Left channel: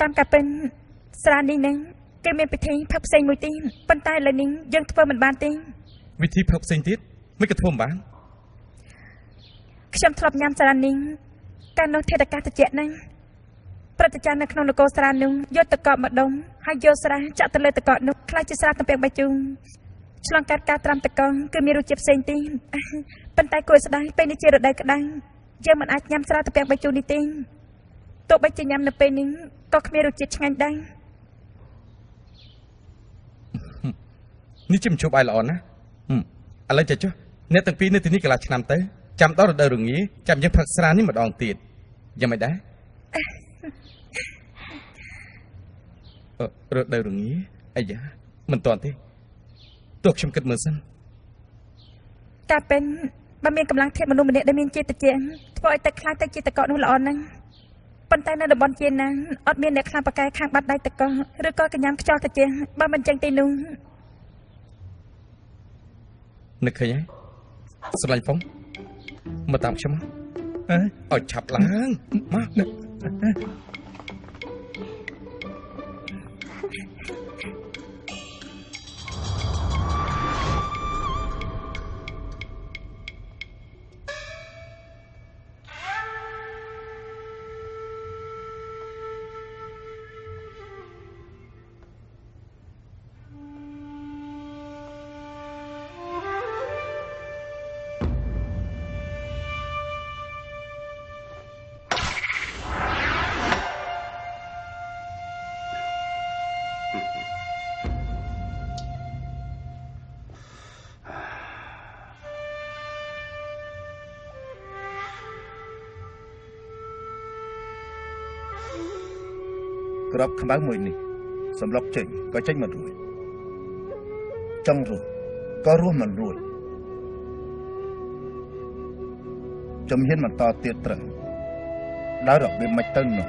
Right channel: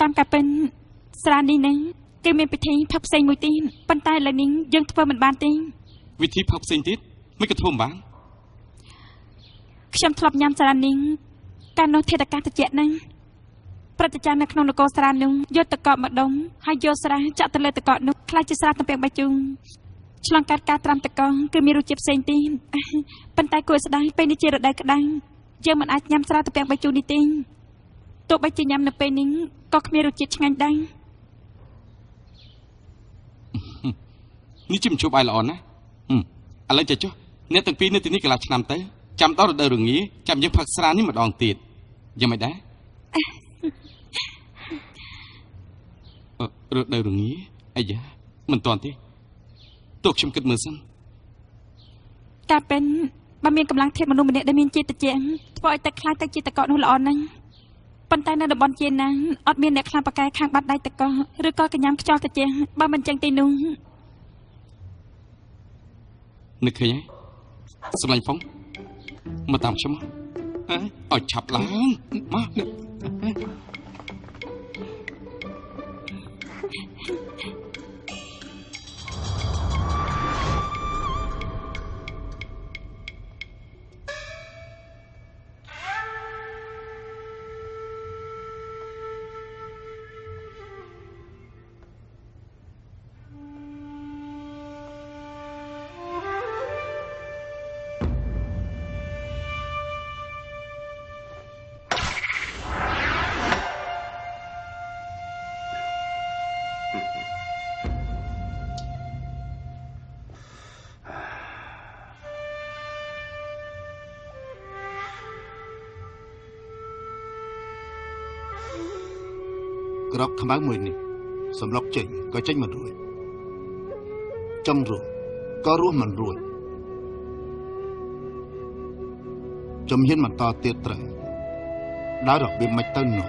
តាមការពិនស្រានេះនឹងគេមានពិធីផឹកផ្សេងមួយទៀតប៉ុន្តែឥឡូវនេះយើងធ្វើមិនបានទេវិធីផឹកផ្សេងទៀតមិនក៏ធ្វើមិនបានខ្ញុំធ្លាប់ញ៉ាំស្រានេះកាលនោះធាតុអាកាសត្រជាក់ហ្នឹងព្រឹត្តិការណ៍នៅក្នុងនគរស្រានោះយកទឹកកកមកដុំហើយយកស្រាចាក់ទៅលើទឹកកកនោះខ្លាចជាស្រាទំពាំងបាយជូរឆ្លងកាត់ការត្រាំទឹកកកគឺមានរសជាតិផ្សេងទៀតប៉ុន្តែគួរស្ដាយពេលនេះជារដូវក្តៅយើងមិនអាចញ៉ាំស្រាទំពាំងបាយជូរនេះទេទោះបីជាញ៉ាំនៅពេលនេះក៏គ្មានរសជាតិឆ្ងាញ់ដែរនេះជាមជប់ឲ្យល្អណាស់ឥឡូវចេះចុះអ្នកទាំងពីរនៅទីនេះកន្លះឆ្នាំទៅចាំដល់រដូវរងាចាំយើងផឹកស្រានេះម្ដងទៀតយ៉ាងម៉េចដែររដូវរងាអាយ៉ាមិនតាន់ទេទោះខ្ញុំគិតមើលសិនការពេញបើមានកម្លាំងធាតុមនុស្សម្នាក់ដែលមានជាតិត្រជាក់ធ្វើឲ្យទឹកខ្លាយទៅជាទឹកកកនោះល្អណាស់ប៉ុន្តែនៅតំបន់ជាណាអត់មានអ្នកខ្លាំងប៉ាកែខាងបាត់ដៃទឹកកកឬក៏កញ្ញាំខ្យល់ត្រជាក់បើមិនចឹងទេនោះនឹកឃើញហើយសម្លាញ់ហ្វុងមកតាមខ្ញុំមកឲ្យឆាប់ឡើងមកក្របខ្មៅមួយនេះសម្លុកចេញក៏ចេញមិនរួចចង់រស់ក៏រស់មិនរួចជំហានបន្តទៀតត្រូវដោយរបៀបមិនទៅនោះ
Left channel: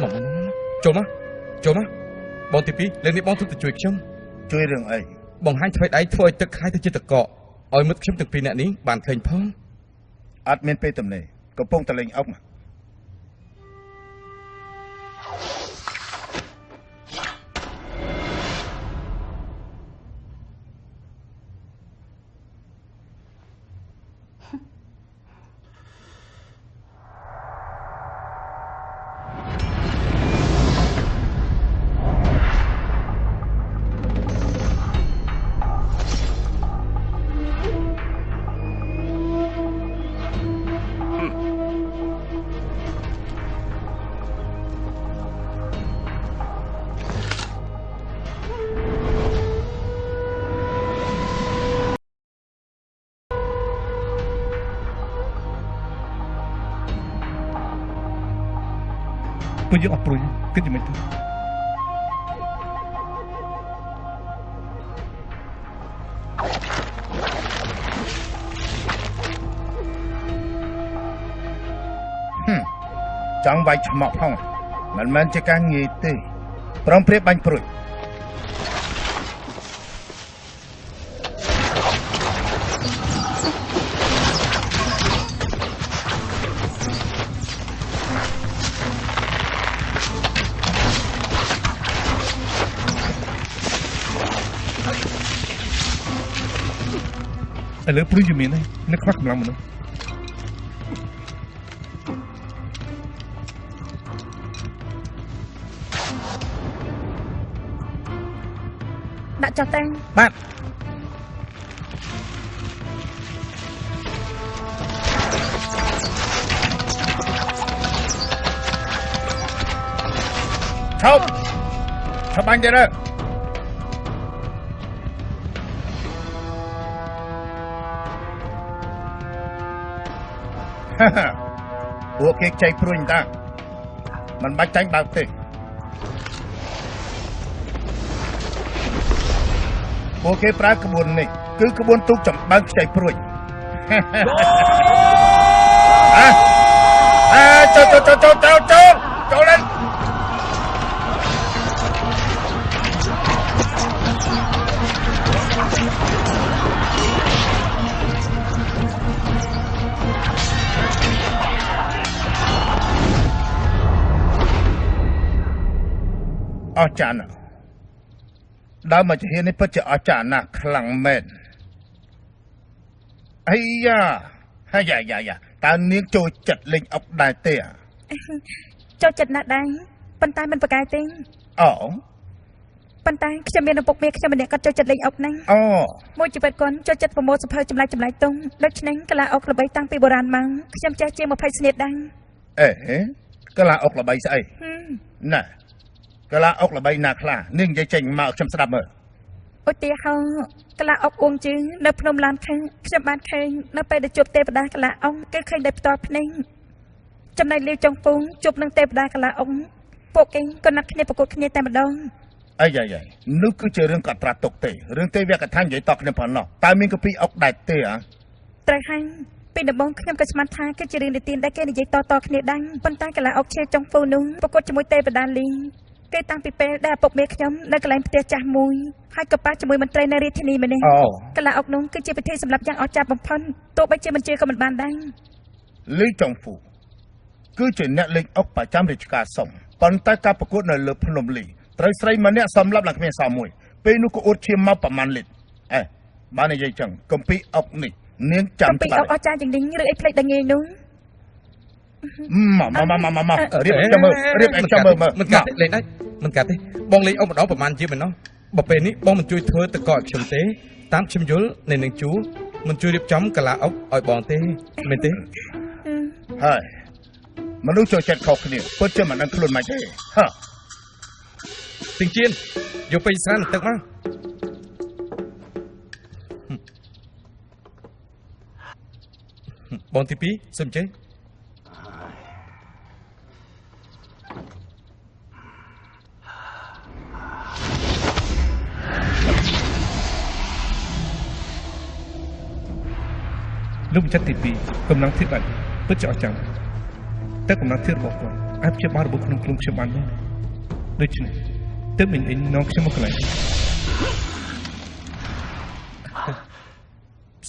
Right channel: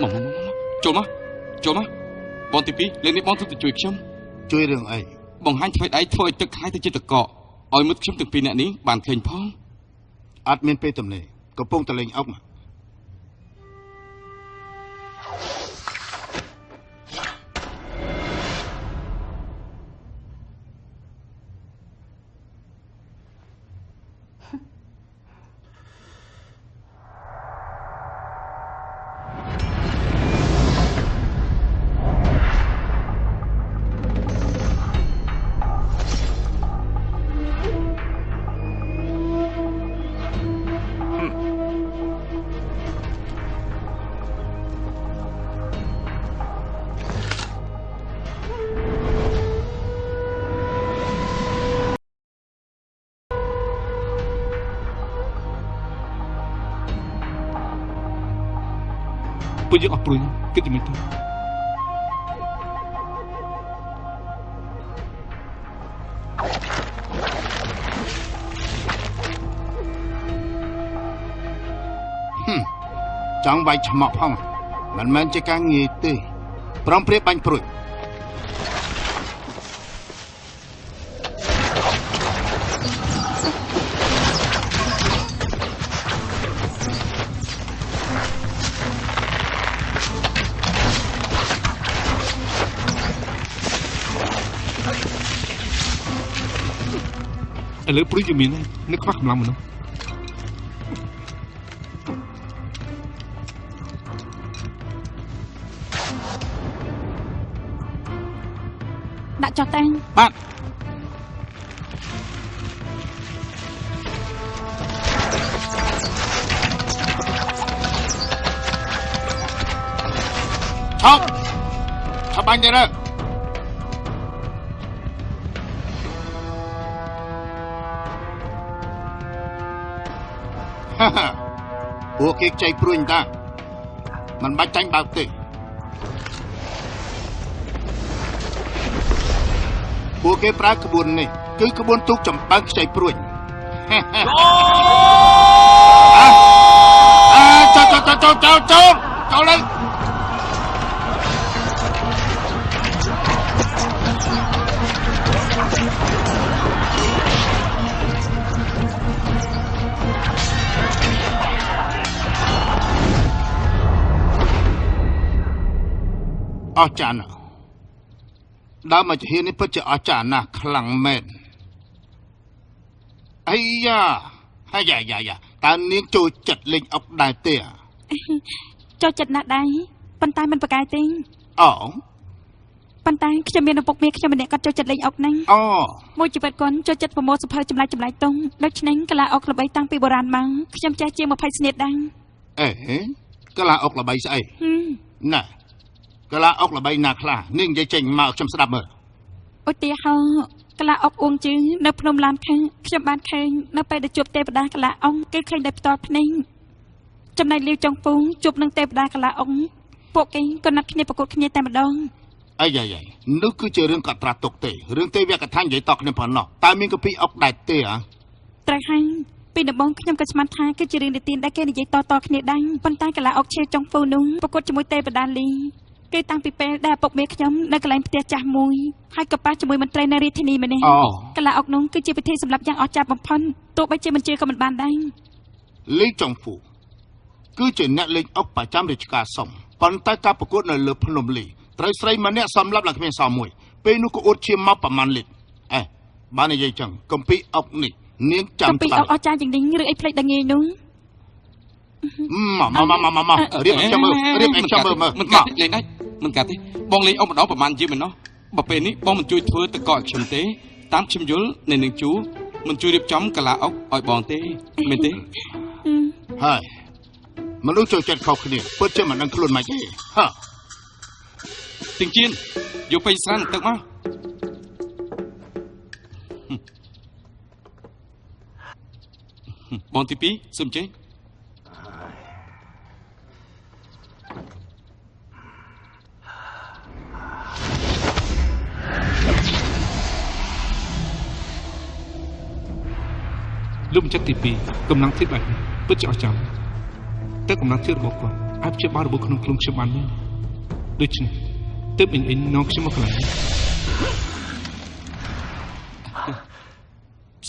មកចូលមកបងទី2លើនេះបងទៅជួយខ្ញុំជួយរឿងអីបង្ហាញធ្វើដៃធ្វើឲ្យទឹកខ្លាយទៅជាទឹកកកឲ្យមុតខ្ញុំទាំងពីរនាក់នេះបានឃើញផងអត់មានពេលទំនេរកំពុងតលេងអុកពួកយើងអត់ព្រួយគិតយ៉ាងម៉េចទៅចង់វាយឆ្មក់ផងមិនមែនជាការងាយទេព្រមព្រៀបបាញ់ព្រួយឥឡូវព្រួយជំនាញហើយនឹកខ្វះកម្លាំងមនុស្សដាក់ចុះតែបាទឈប់បាញ់ទៅពួកគេខ្ចីព្រួយតាមិនបាច់ចាញ់បើកទេពួកគេប្រើក្បួននេះគឺក្បួនទូកចំបើងខ្ចីព្រួយចូលlên អស្ចារ្យណាស់ដើមមកជានេះពិតជាអស្ចារ្យណាស់ខ្លាំងមែនអាយ៉ាហើយយ៉ាតើនាងចូលចិត្តលេងអុកដែរទេចូលចិត្តណាស់ដែរប៉ុន្តែមិនប្រកែកទេអូប៉ុន្តែខ្ញុំមានឪពុកមាខ្ញុំម្នាក់គាត់ចូលចិត្តលេងអុកហ្នឹងអូមួយជីវិតគាត់ចូលចិត្តប្រមូលសភៅចម្លែកតុងដូច្នេះកលាអុកល្បីតាំងពីបុរាណមកខ្ញុំចេះជាង20ស្នៀតដែរអេកលាអុកល្បីស្អីណែកលាអុកល្បីណាខ្លះនាងនិយាយចេញមកខ្ញុំស្ដាប់មើលឧទាហរណ៍កលាអុកអួងជឺនៅភ្នំឡានខឹងខ្ញុំបានឃើញនៅពេលដែលជួបទេវតាកលាអុកគឺឃើញដោយផ្ទាល់ភ្នែកចំណែកលាវចុងពូងជួបនឹងទេវតាកលាអុកពួកគេក៏ណាត់គ្នាប្រកួតគ្នាតែម្ដងអាយនោះគឺជារឿងកត់ត្រាទុកទេរឿងទេវកថានិយាយតគ្នាប៉ុណ្ណោះតើមានកពីអុកដែរទេត្រូវហើយពីដំបូងខ្ញុំក៏ស្មានថាគឺជារឿងនិទានដែលគេនិយាយតគ្នាដែរប៉ុន្តែកលាអុកឈៀចុងពូនោះប្រកួតជាមួយទេវតាលីគេតាំងពីពេលដែលឪពុកមាខ្ញុំនៅកន្លែងផ្ទះចាស់មួយហើយក៏ប៉ះជាមួយមន្ត្រីនៅរាជធានីម្នាក់កលាអុកនោះគឺជាពិធីសម្រាប់យ៉ាងអស្ចារ្យបំផុតទោះបីជាមិនជឿក៏មិនបានដែរលីចុងពូគឺជាអ្នកលេងអុកប្រចាំរាជការសុំប៉ុន្តែការប្រកួតនៅលើភ្នំលីត្រូវស្រីម្នាក់សំឡាប់ឡើងគ្មានសល់មួយពេលនោះក៏អួតឈាមមកប្រមាណលីត្របាននិយាយចឹងកំពីអុកនេះនាងចាំកំពីអុកអស្ចារ្យយ៉ាងនេះឬអីផ្លេចដល់ងាយនោះមករៀបចាំមើលមិនកាត់លេងមិនកាត់ទេបងលេងអុកម្ដងប្រហែលជាមិនណោះបើពេលនេះបងមិនជួយធ្វើតកឲ្យខ្ញុំទេតាមខ្ញុំយល់នៅនឹងជួមិនជួយរៀបចំកលាអុកឲ្យបងទេមែនទេហើយមនុស្សចូលចិត្តខុសគ្នាពិតជាមិនដឹងខ្លួនមិនទេហ៎ទិញជៀនយកពេញស្រានទឹកមកបងទី2សូមចេញលោកម្ចាស់ទី2កម្លាំងធាតុបែបពិតជាអស្ចារ្យតែកម្លាំងធាតុរបស់គាត់អាចព្យាបាលរបួសក្នុងខ្លួនខ្ញុំបានមែនដូច្នេះទើបអ៊ីងនាំខ្ញុំមកកន្លែង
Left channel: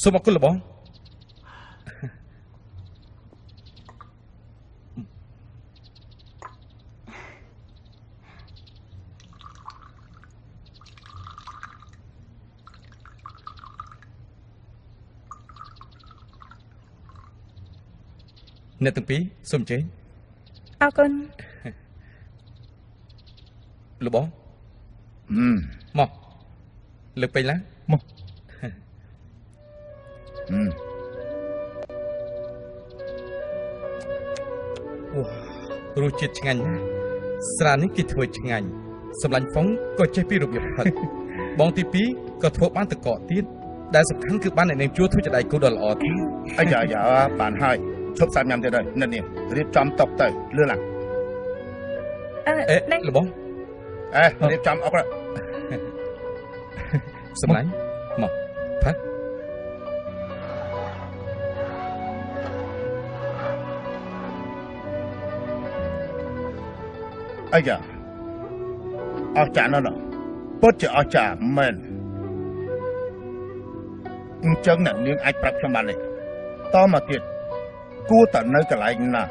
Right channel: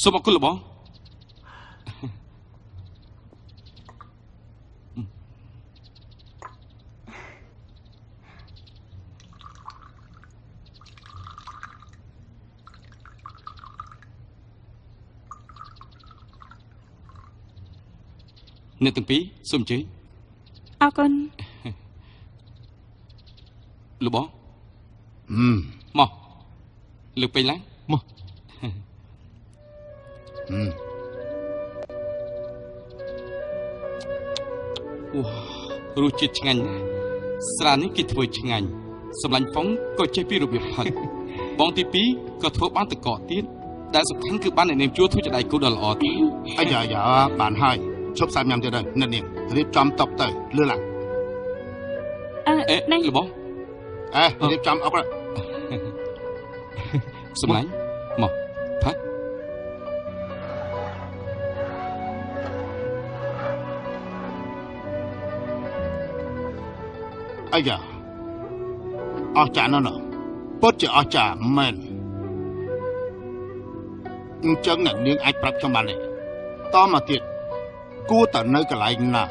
សូមអរគុណលោកបងអ្នកទាំងពីរសូមចេញអរគុណលោកបងមកលើកពេញឡើងមក រសជាតិឆ្ងាញ់ណាស់ស្រានេះគេធ្វើឆ្ងាញ់សម្លាញ់ហ្វុងក៏ចេះពីរបៀបផឹកបងទី2ក៏ធ្វើបានតកកទៀតដែលសំខាន់គឺបានអ្នកនាងជួធ្វើចដៃគូដ៏ល្អទៀតអាយ៉ាបានហើយឈប់សាច់ញ៉ាំទៅដល់អ្នកនាងរៀបចំតុកទៅលឿនឡើងនេះលោកបងរៀបចំអុកសម្លាញ់មកផឹកអាយ៉ាអស្ចារ្យណាស់ពិតជាអស្ចារ្យមែនអញ្ចឹងអ្នកនាងអាចប្រាប់ខ្ញុំបានទេតមកទៀតគួរតែនៅកន្លែងណា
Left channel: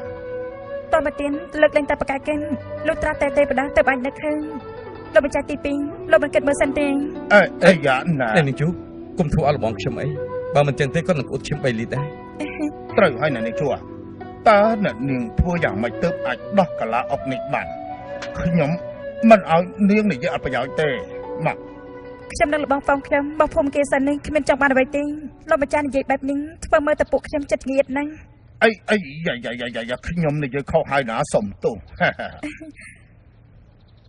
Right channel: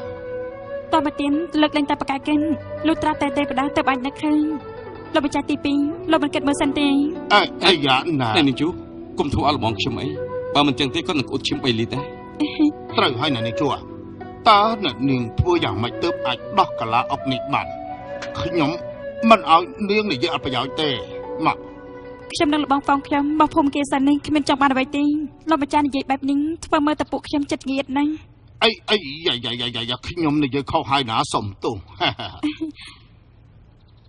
តមកទៀតលើកលែងតែបកាយកិនលុះត្រាតែទេវតាទៅអាចនឹកឃើញលោកម្ចាស់ទី2លោកមិនគិតមើលសិនទេអាយ៉ាណានេះជូគុំធ្វើឲ្យលបងខ្ញុំអីបើមិនចឹងទេគាត់នឹងអ៊ុតឈាម3លីត្រដែរត្រូវហើយអ្នកនាងជួតើអ្នកនាងធ្វើយ៉ាងម៉េចទើបអាចដោះកលាអុកនេះបានខ្ញុំមិនឲ្យនាងនិយាយអត់ប្រយោជន៍ទេមកខ្ញុំនឹងលបងហ្វងខ្ញុំបោះភូមិគេសិននេះគ្មានចង់បានអ្វីទេលោកម្ចាស់និយាយបែបនេះធ្វើមើលតែពួកខ្ញុំចិត្តងៀតណាស់អីយ៉ាខ្ញុំនិយាយខុសហើយណាសុំទោស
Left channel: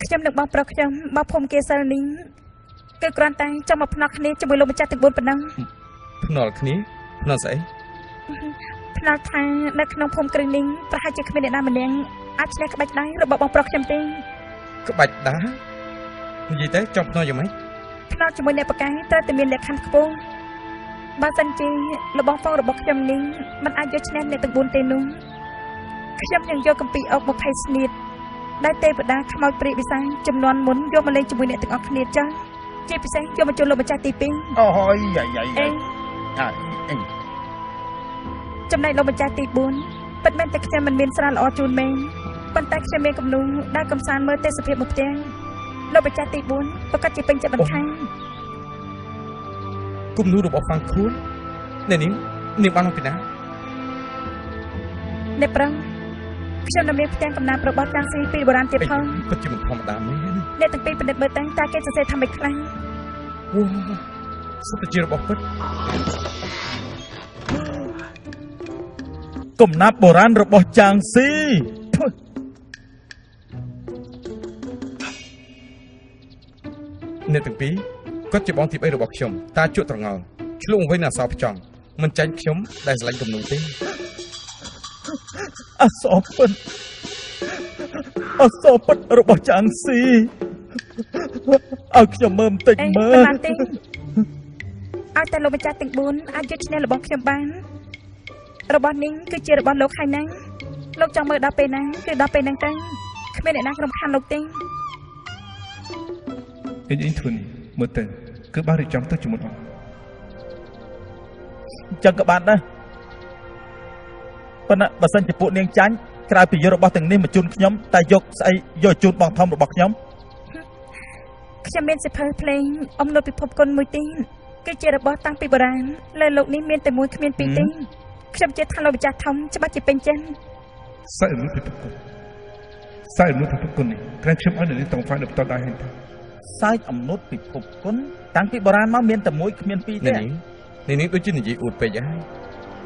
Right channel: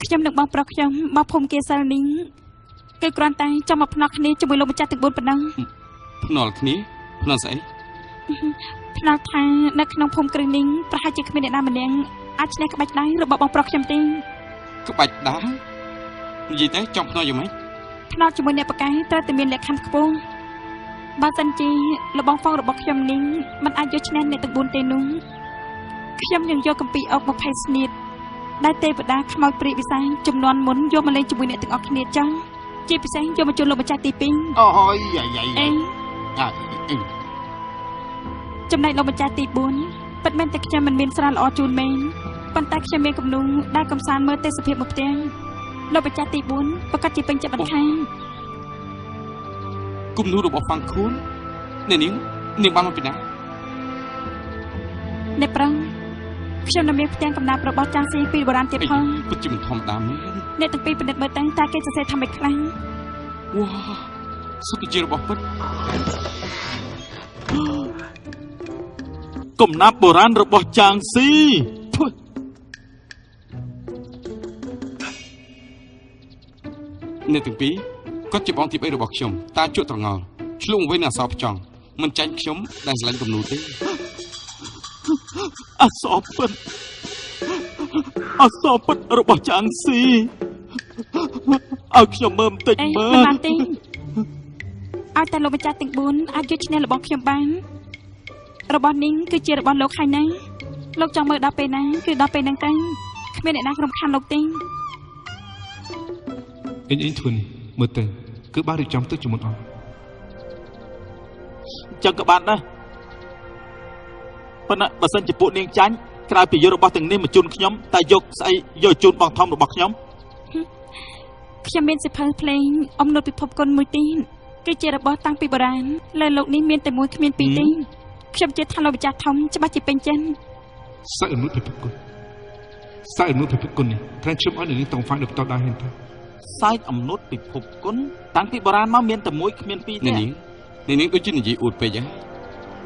ខ្ញុំនឹងបងប្រុសខ្ញុំបោះភូមិគេសិននេះគឺគ្រាន់តែចង់មកភ្នាល់គ្នាជាមួយលោកម្ចាស់ទាំង4ប៉ុណ្ណឹងភ្នាល់គ្នាភ្នាល់ស្អីភ្នាល់ថានៅក្នុងភូមិគ្រឹះនេះប្រហែលជាគ្មានអ្នកណាម្នាក់អាចឈ្នះក្បាច់ដៃរបស់បងប្រុសខ្ញុំទេក្បាច់ដានិយាយទៅចង់ភ្នាល់យ៉ាងម៉េចភ្នាល់ជាមួយអ្នកបកាយត្រូវតែមានលក្ខខណ្ឌខ្ពស់បើសិនជាលបងហ្វងរបស់ខ្ញុំនេះមិនអាចយកឈ្នះអ្នកទាំង4ទេនោះខ្ញុំនឹងយកកម្ពីអុក20ស្នៀតដែលទេវតាខ្មោចព្រាយវិសាចំនួនមុនយកមកលេងជាមួយអ្នកទាំងអស់គ្នាចឹងជាពិសេសយកមកជួលលោកម្ចាស់ទី2អូយយ៉ាចំណែកលោកម្ចាស់ទី4ពិតមែនតែខ្ញុំមិនមានស្រាល្អជូនមែនប៉ុន្តែខ្ញុំមានគំនុំដែលកំសាន្តមើលទេសភាពមកផ្ទះ លោកម្ចាស់ទី4ប្រកាសជាពេញចិត្តបន្ថែម គំនូររបស់ហ្វាំងខួនអ្នកនាងបានមកពីណា អ្នកប្រឹងខ្ញុំនៅមានផ្ទាំងកំណាព្យរបស់ចាងស៊ីពីបុរាណទៀតផង ពិតជាមិនធម្មតាមែន អ្នកទាំងពីរពិនិត្យមើលទៅតើគេសរសេរថាម៉េចខ្លះ វ៉ាសុទ្ធតែជារបស់ពិត កំណាព្យបុរាណរបស់ចាងស៊ី អ្នកទាំងពីរគាត់ជាបងទី3របស់ខ្ញុំតាជក់ត្រងល់ឆ្លងវិញនឹងអសរផ្ចង់មិនចាញ់ខ្ញុំដែលស្រឡាញ់គំនូរទេ អសរពិតរបស់ចាងស៊ីឲ្យខ្ញុំមើលបន្តិច អេ មើ មិន ល បានទេឲ្យតែលោកម្ចាស់ទាំង4អាចយកឈ្នះរបស់ខ្ញុំបានរបស់នេះគឺជារបស់លោកហើយណាលោកចង់មើលដល់ពេលណាគឺដល់ពេលហ្នឹងទៅគ្មានអ្នកណារំខានលោកទេ អញធ្វើនេះមើលទៅគឺបានរៀបចំទុកជាមុនអស់ ចឹងក៏បានដែរប៉ុន្តែបើសិនជាពួកនាងចាញ់ក្រៅពីយករបស់ទាំងនេះមកជូនខ្ញុំតែយកស្អីយកជូនបងធំរបស់ខ្ញុំ ខ្ញុំមានសិភៅភ្លេងអំណត់ពិភពគុណមួយទៀតគឺជារបស់តាំងពីបុរាណលើលោកនេះមានតែមួយគ្មានពីរទេខ្ញុំជឿថាលោកម្ចាស់ធំច្បាស់ជាពេញចិត្ត សាច់អនុពិភពគុណសាច់អនុពិភពគុណនេះក្រែងខ្ញុំឲ្យនៅនេះតង់ហ្វាយដល់តដែរហ្នឹងទៅ សើចអំណត់ពិភពគុណតាំងពីបុរាណមកមានតែមួយគ្មានពីរទេ អ្នកនាងដូចជានិយាយអួតពេកហើយ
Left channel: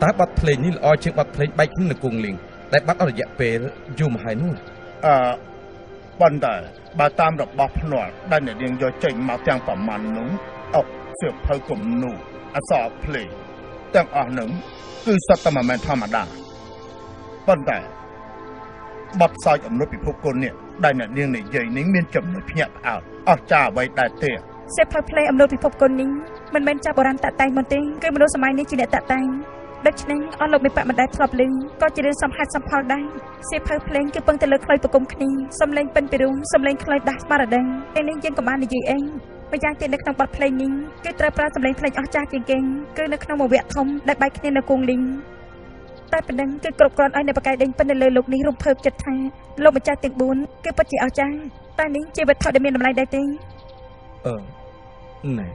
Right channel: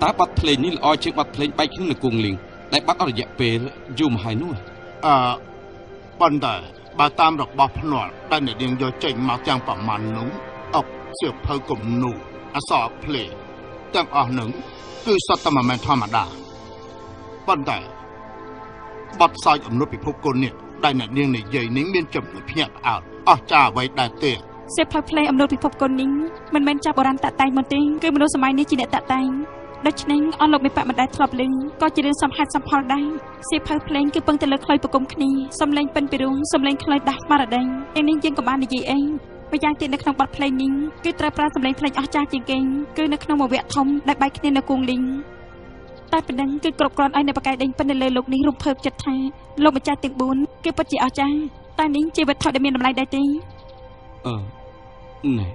តើប័ណ្ណភ្លេងនេះល្អជាងប័ណ្ណភ្លេងបែកគ្នានៅគង់លៀងដែលបាត់អស់រយៈពេលយូរមកហើយនោះ ប៉ុន្តែបើតាមរបស់ភ្នាល់ដែលអ្នកនាងយកចេញមកទាំងប្រមាណនោះអុកសៀវភៅគំនូរអក្សរភ្លេងទាំងអស់នឹងគឺសុទ្ធតែមិនមែនធម្មតាប៉ុន្តែបទសោចអំណត់ពិភពគុណនេះដែលអ្នកនាងនិយាយនេះមានចំណុចភ្ញាក់ផ្អើលអស្ចារ្យអ្វីដែរទេ សិភៅភ្លេងអំណត់ពិភពគុណនេះមិនមែនចាស់បុរាណតាក់តែងមកទេគឺមនុស្សសម័យនេះជាអ្នកតាក់តែងដូច្នេះអស់លោកមេបៈមិនដែលធ្លាប់ឮក៏ជារឿងសំហេតុសំផលដែរសិភៅភ្លេងគឺពឹងតែលើខ្លុយប្រគំគ្នាសំឡេងពិនពីរួមសំឡេងខ្លុយដាស់ស្មារតីឯនេះយើងក៏បាននិយាយអីម្យ៉ាងទៀតនៅក្នុងបទភ្លេងនេះគឺត្រូវប្រើសំឡេងភ្លេងអស្ចារ្យជាងគេគឺនៅក្នុងមួយវគ្គធំដែលបែកគ្នានៅគង់លីងតែប៉ុណ្ណឹងគឺគ្រប់គ្រាន់ឲ្យនៅបកាយដេញពិននៅលើលោកនេះរំភើបចិត្តថាលោកម្ចាស់ទាំង4គឺពិតជាអស្ចារ្យតែនេះជាវត្ថុដែលមានតម្លៃដែរទេ ណែ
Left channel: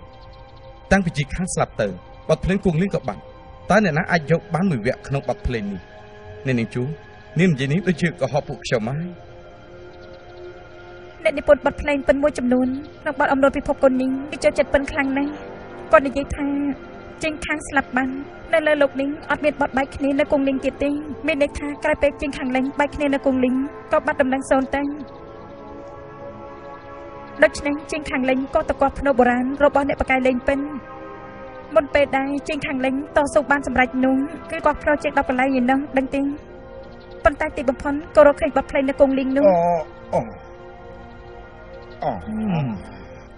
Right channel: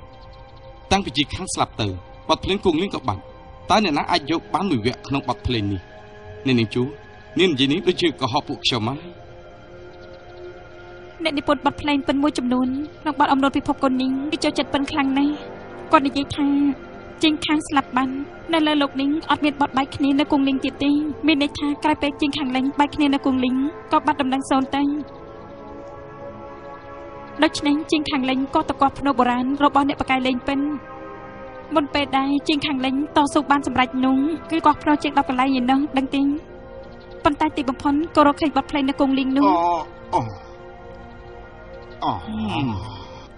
តាំងពីជីខាងស្លាប់ទៅបទភ្លេងគង់លៀងក៏បាត់តើអ្នកណាអាចយកបានមួយវគ្គក្នុងបទភ្លេងនេះអ្នកនាងជួនាងនិយាយនេះដូចជាកុហកពួកខ្ញុំហើយ អ្នកនិពន្ធបទភ្លេងពិនមួយចំនួនក្នុងបទអំណត់ពិភពគុណនេះគឺចូលចិត្តពិនខ្លាំងណាស់គាត់និយាយថាជាងខាងស្លាប់បាននៅលើលោកនេះអត់មានបទបែកគ្នានៅគង់លីងទៀតទេមានន័យថាក្រោយពេលជាងខាងលេងបែកគ្នានៅគង់លីងក៏បាត់ដំណឹងសូន្យទៅដូច្នេះជាងខាងលេងក៏តកប់ភ្នោបុរាណរបស់អ្នកបកាយលេងពិនមុនពេលដែរជាងខាងលេងតស៊ូបានសម្រេចនោះគឺគាត់ភ្នោជាង10កន្លែងឯនោះដឹងទេប៉ុន្តែទីបំផុតក៏រកឃើញបទភ្លេងនៅគង់លីងនោះ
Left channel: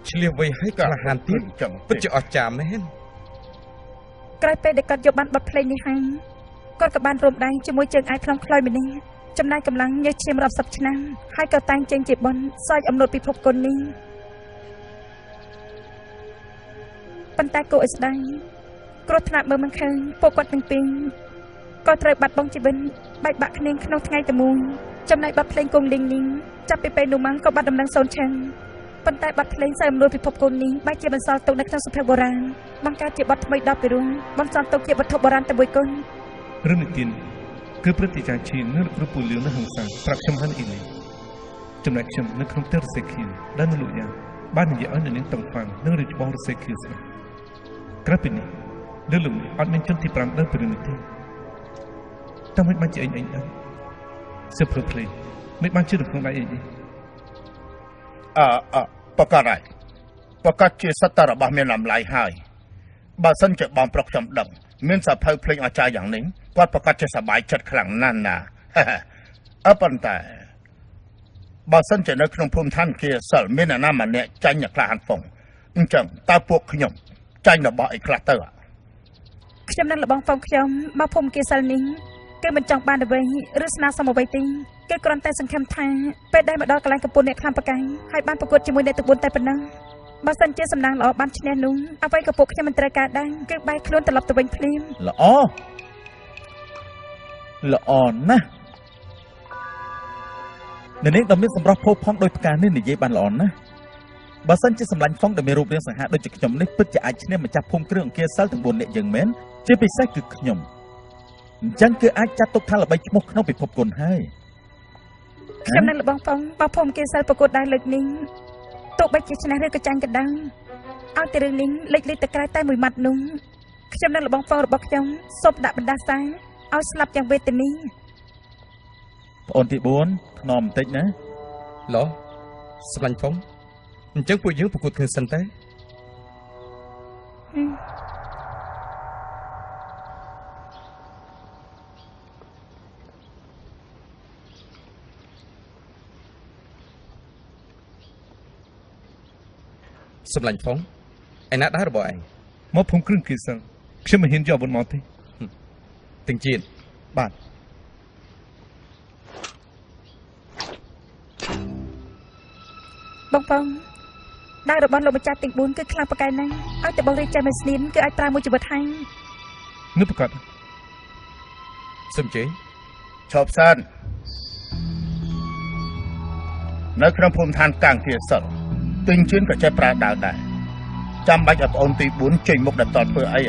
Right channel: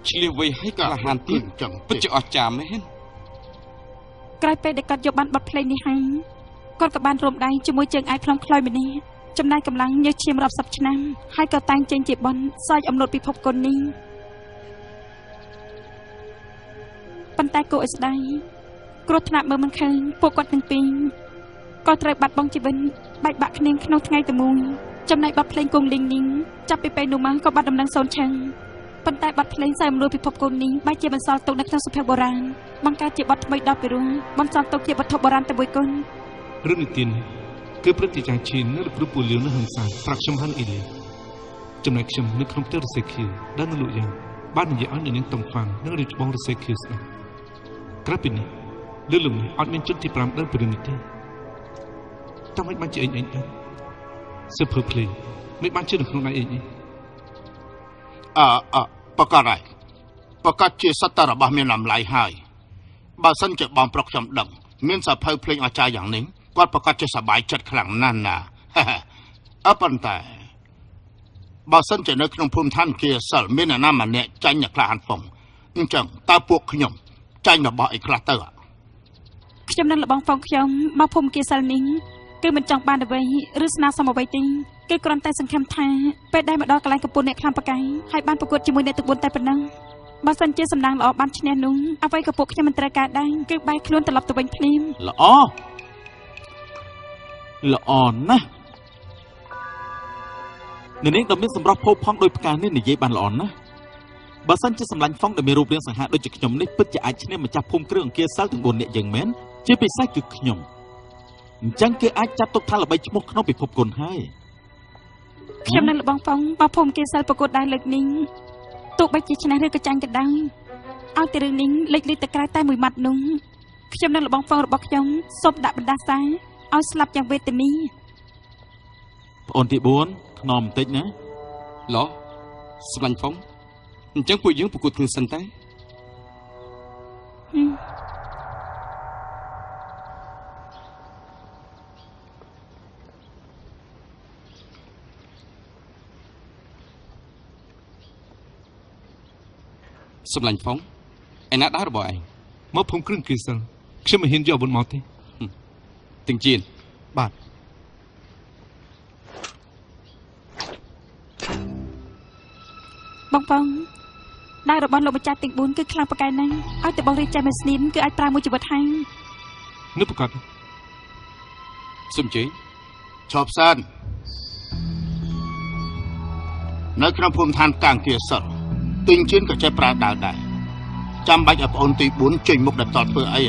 ឆ្លៀសវៃឲ្យក្លាហានទៀតពិតជាអស្ចារ្យមែន ក្រោយពេលដែលគាត់យកបានបទភ្លេងនេះហើយគាត់ក៏បានរួមដៃជាមួយជើងឯកខ្លងខ្លយម្នាក់ចំណាយកម្លាំងញើសឈាមរាប់សិបឆ្នាំហើយក៏តែងចេញជាបនសោយអំណត់ពិភពគុណនេះប៉ុន្តែគួរឲ្យស្ដាយគ្រោះថ្នាក់មើលមិនឃើញពួកគាត់ទាំងពីរក៏ត្រូវបាត់បង់ជីវិតបែកបាក់គ្នាក្នុងថ្ងៃតែមួយចំណែកបទភ្លេងគង់លីងនេះចាប់ពីពេលនោះមកក៏បាត់ដំណឹងសូន្យឈឹងប៉ុន្តែបទភ្លេងសោយអំណត់ពិភពគុណនេះបែរជាបន្សល់ទុកនៅក្នុងសុភ័ក្របុរាណបង្កើតជាបទថ្មីដល់ពីរួមបន្សល់ទុកជាវត្ថុបុរាណតែមួយគុណ រឿងនេះទៀតគឺព្រឹត្តិការណ៍ឈាននៅលោកគ្រូពូលៀងនៅហឹងសាប្រាប់ខ្ញុំហើយអ៊ីលីចំណែកខ្ញុំនៅក្នុងផ្ទះរសេខៀវដែលនៅលោកយ៉ាងបាននិយាយឲ្យនៅនាងតំហ្វាន់និងរឿងច្បងរសេខៀវស្ដាប់ក្រៅពីនេះលើលោកនេះអត់មានជនទី5ដើរពីរឿងនេះទេតែមិនបានជាអញដឹងសិភើភ្លេងមិនបានជឿនៅក្នុងដៃអី ប្រកាសហើយប្រកាសជាសត្វតែរបស់មានតម្លៃហើយបើសិនជាបងប្រុសខ្ញុំដឹងមានសភៅភ្លេងអស្ចារ្យយ៉ាងនេះគាត់ប្រកាសជាសប្បាយចិត្តខ្លាំងណាស់ណាប៉ុន្តែបើសិនជានៅក្នុងភូមិឋានគៀសិលមានអ្នកណាម្នាក់ចាញ់អ្នកខ្លះហាន់ហ្វុងអញ្ចឹងតើពួកខ្ញុំចាញ់របស់អីខ្លះទៅខ្ញុំនឹងលបងហ្វុងខ្ញុំមកភូមិគៀសិលនេះគឺមិនចង់បានអ្វីឬស្នើសុំអ្វីទេគឺគ្រាន់តែសង្ឃឹមថាពេលដែលមកដល់កន្លែងកំពូលអ្នកខ្លាំងប្រកែកហើយបានប្រកួតជាមួយអ្នកទាំង4តែប៉ុណ្ណឹងបើសិនជាសំណាងល្អបានឈ្នះនោះអ្វីក៏ពួកខ្ញុំមិនត្រូវការដែរគឺបែរខ្លួនត្រឡប់ទៅវិញភ្លាមល្អណាស់អ្នកនាងដ៏មានសម្រស់ផូរផង់ដោយផ្កានេះនិយាយបានល្អណាស់ បើសិនជាសម្លាញ់ហ្វុងដែលមានរូបរាងសង្ហាដូចជាខ្ញុំនេះពិតជាអាចឈ្នះម្ចាស់ភូមិគ្រឿងអង្គាសិលទាំង4នាក់យើងមែនជាពិសេសគឺខ្ញុំអញ្ចឹងគឺអាចចាត់ទុកថាល្បីឈ្មោះក្នុងពិភពគុណហើយខ្ញុំនឹងលបងហ្វុងបោះភូមិគេសិលប្រកួតដែរលើកនេះទោះបីជាឈ្នះឬក៏ចាញ់ក៏ដោយឲ្យតែរឿងនេះលេចលឺទៅក្រៅតែមួយម៉ាត់នោះខ្ញុំនឹងលបងហ្វុងរបស់ខ្ញុំសូមដាក់បណ្ដាសាឲ្យស្លាប់យ៉ាងវេទនាប្អូនទី4ថ្នមបន្តិចណាឡោះសម្លាញ់ហ្វុងអញ្ចឹងពួកយើងប្រកួតគ្នាសិនទេសម្លាញ់ហ្វុងឯណាដែររបស់ឯងមកភូមិគ្រឿងគេសិលខ្ញុំមិនហ៊ានយកអាវុធមកទេទាំងជៀនបាទបងបងដែររបស់លោកម្ចាស់ទាំង4គឺខ្លាំងប្រកែកណាស់ឲ្យតែបងរៀបចំឲ្យស្នៀនគឺអាចប្រើមួយជីវិតហើយនោះប្រកាសសុំជេឈប់សិននៅក្នុងភូមិឋានកាំងគាសិលទិញជឿនក៏ចេះប្រើដាវដែរចាំបាច់ឲ្យប្អូនទី4ចេញមុខដល់តធ្វើអី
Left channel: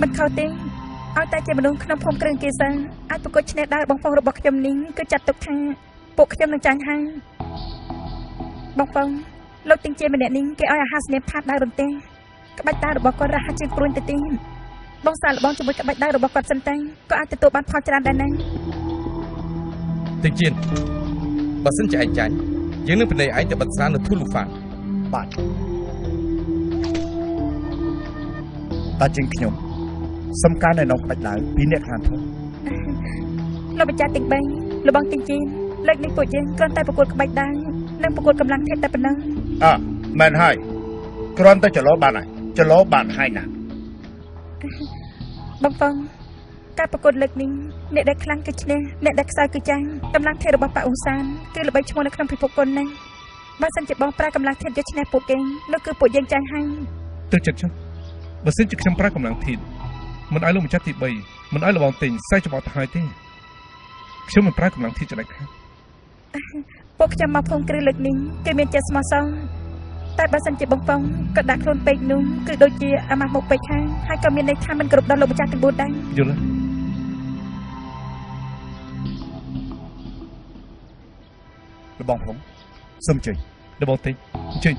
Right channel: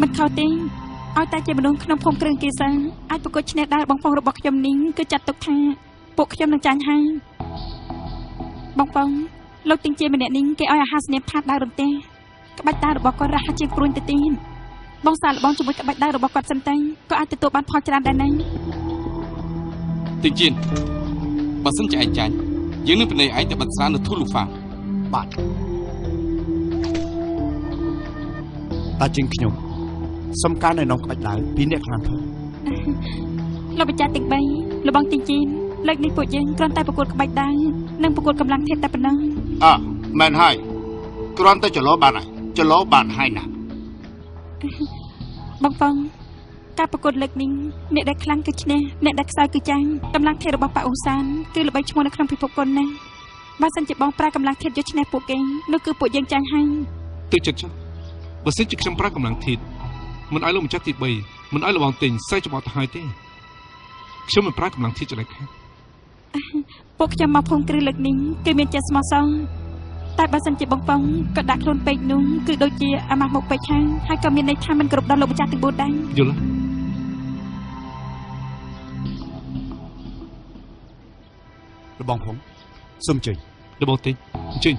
មិនខុសទេឲ្យតែជាមនុស្សក្នុងភូមិគ្រឿងគេសិលអាចប្រកួតឈ្នះដែរបងប្អូនរបស់ខ្ញុំនេះគឺចាត់ទុកថាពួកខ្ញុំនឹងចាញ់ហើយបងប្អូនលោកទាំងជាម្នាក់នេះគេឲ្យអាហារស្នៀមផាតដែររំទេក្បាច់ដែររបស់គាត់រហ័សជាងព្រួញទៅទៀតបងសាឡបងជាមួយក្បាច់ដែររបស់គាត់សិនតែក៏អាចទទួលបានផលច្រើនដែរណាទាំងជៀនបើសិនជាឯងចាញ់យើងនឹងពិន័យឯងទៅបិទស្រានៅធូលូហ្វាបាទតាជាងខ្ញុំសំការនៅក្នុងក្បាច់ដាវពីអ្នកខាងធំលោកម្ចាស់ទាំង3លបងទីជីនលើកនេះពួកយើងគ្រាន់តែប្រកួតក្បាច់ដាវនិងប្រកួតកម្លាំងធាតុតែប៉ុណ្ណឹងមែនហើយគ្រាន់តែចលោបានហើយចលោបានហើយណាបងបងការប្រកួតលើកនេះអ្នកដែលខ្លាំងគឺឈ្នះអ្នកដែលខ្សោយគឺចាញ់កម្លាំងធាតុរបស់ប៉ាអ៊ូសានគឺល្បីឈ្មោះនៅក្នុងពិភពគុណណាស់បើសិនជាបងប្រើកម្លាំងធាតុយកឈ្នះពួកគេនោះគឺពួកយើងចាញ់ហើយទៅចិត្តចុះបើសិនជាខ្ញុំប្រើកម្លាំងធាតុមិនឲ្យលោកម្ចាស់ទី3មិនឲ្យលបងទិញសែច្បោះទៅហើយទេខ្ញុំមិនប្រើកម្លាំងធាតុចលៃខាពួកខ្ញុំមកភូមិគ្រឹះលើកនេះគឺមានចិត្តស្មោះសរតែបើសិនជាបងបងក៏ដាក់ខ្លួនពេកនោះគឺដូចជាអាម៉ាស់មុខពេកហើយក៏មានន័យថាមិនគ្រប់ដល់លោកម្ចាស់ទាំង4ដែរយល់លបងផងសុំចេញលបងទិញចេញ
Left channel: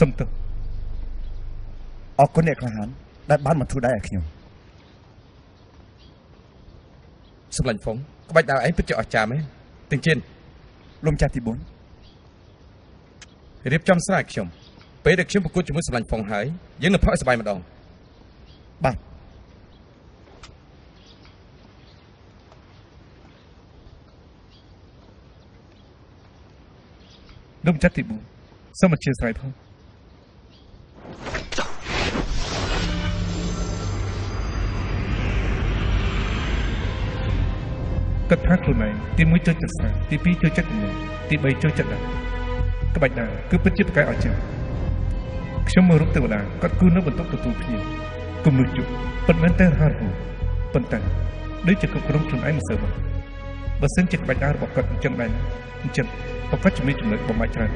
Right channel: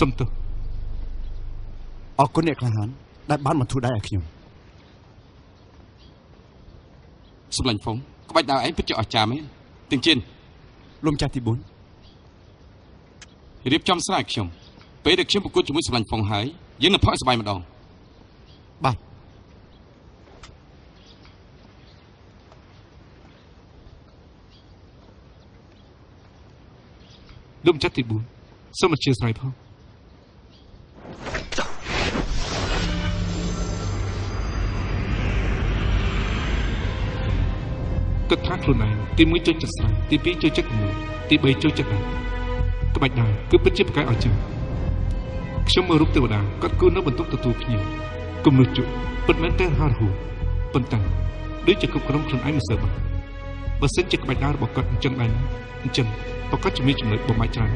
សុំទោសអរគុណអ្នកក្លាហានដែលបានមកជួយដៃឲ្យខ្ញុំសម្លាញ់ហ្វុងក្បាច់ដាវឯងពិតជាអស្ចារ្យមែនទាំងជិនលំចាស់ទី4រៀបចំស្រាឲ្យខ្ញុំពេលដែលខ្ញុំប្រកួតជាមួយសម្លាញ់ហ្វុងហើយយើងនឹងផឹកឲ្យសប្បាយម្ដងបាទលំចាស់ទី4សូមអធិស្ឋានផងគិតថាខ្លួនឯងទី1ចូលចិត្តស្រាទី2ចូលចិត្តគំនូរទី3ចូលចិត្តដាវក្បាច់ដាវគឺពិតជាប្រកែកអស្ចារ្យខ្ញុំមើលរូបទេវតាគាត់គូនៅបន្ទប់ទទួលភ្ញៀវគំនូរជក់ពិតមែនតែរហ័សរហួនប៉ុន្តែដូចជាគ្រប់គ្រងខ្លួនឯងមិនសូវបានបើសិនជាក្បាច់ដាវរបស់គាត់អញ្ចឹងដែរអញ្ចឹងប្រកាសជំនាញចំណុចបំផាច់ច្រើន